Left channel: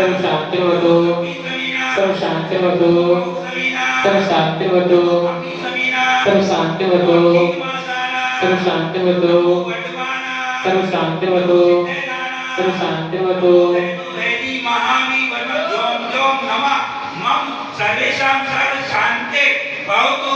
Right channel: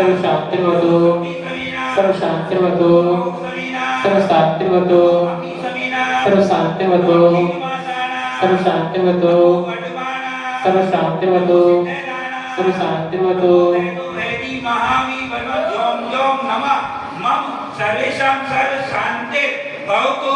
सर्व शांतिर्वतु सर्व शांतिर्वतु सर्व शांतिर्वतु सर्व शांतिर्वतु सर्व शांतिर्वतु सर्व शांतिर्वतु सर्व शांतिर्वतु सर्वेषां सर्व शांते भवतु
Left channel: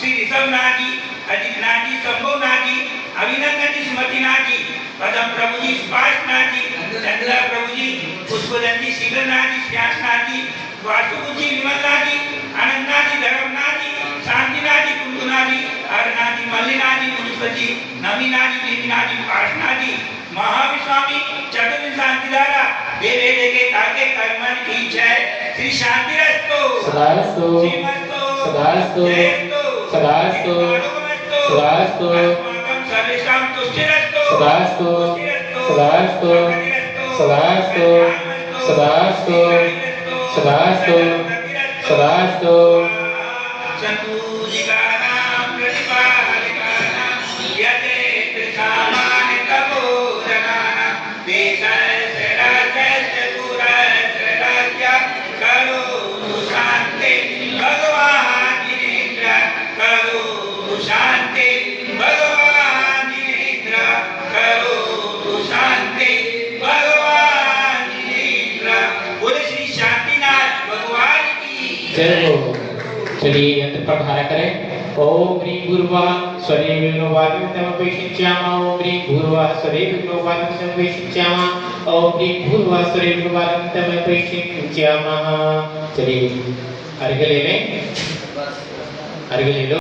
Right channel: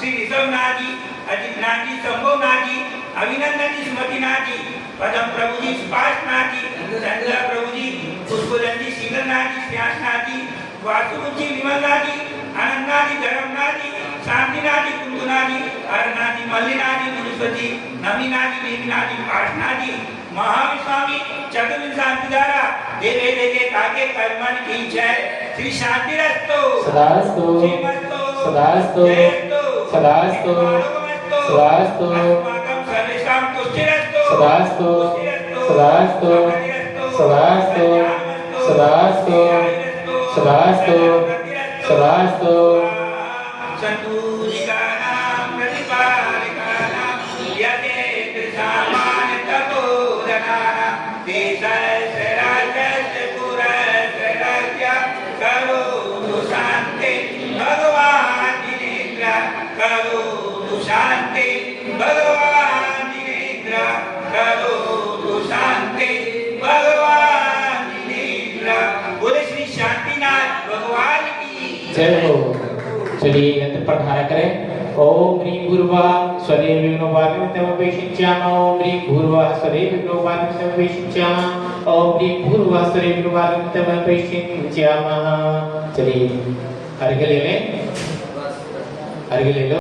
श्री ऋषभनाथ जी, अजितनाथ जी, शंभुनाथ जी, अभिनंदन जी, स्मृतिनाथ जी, पदम प्रभु जी, स्पाशनाथ जी, चंद्र प्रभु जी, पुष्पदन जी, शीलनाथ जी, श्यासनाथ जी, वासुदेव जी, विमलनाथ जी, आनंदनाथ जी, धर्मनाथ जी, शांतिनाथ जी, कुंदनाथ जी, हरनाथ जी, मल्लिनाथ जी, मुनीश्वर जी, नमीनाथ जी, देवीनाथ जी, पाठनाथ जी, महाविस्वामी चतुर्विंश शांतिधारा देवे देगे ताके कर्मन की जय। श्री शांतिरस्तु सदास्तु श्रीमस्तु सदास्तु जयस्तु सदास्तु सदास्तु अस्माकं सर्वेषां तुष्टिरस्तु सदास्तु सदास्तु सदास्तु सदास्तु सदास्तु सदास्तु सन्तु जिगानां प्रतिपालिकानां यतेन्द्र सामान्य तपोधनानां देशस्य राज्यस्य पुरस्य राज्ञा करोतु शान्ति भगवान् जिनेन्द्र करोतु शान्ति भगवान् जिनेन्द्र करोतु शान्ति भगवान जिनेन्द्र। बोले श्री शांतिनाथ भगवान की जय हो। चलिए यंत्र पर धारा करें। ओम ह्रीं भूर्भुवः स्वधे विघ्नोपाधितमपेक्षिंचामः। ओम ह्रीं भूर्भुवः स्वधे विघ्नोपाधितमपेक्षिंचामः। ओम ह्रीं भूर्भुवः स्वधे विघ्नोपाधितमपेक्षिंचामः। चलिए अर्घ्य ले लें, अर्घ्य ले लो।